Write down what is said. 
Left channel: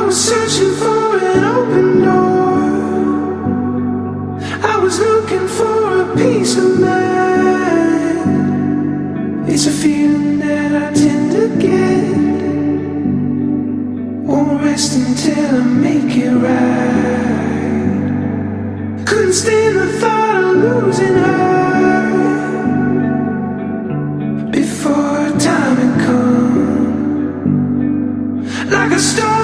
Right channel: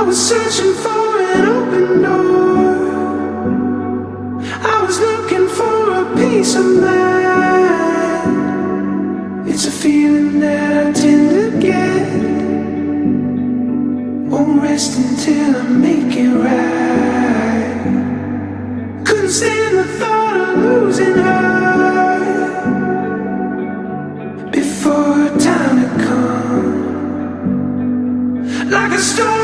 I was searching for an open door. I was looking for a peace of mind. It's a feeling that I tend to get. Won't rest until I make it right. Couldn't stand the thought of losing her before time had come. Like a star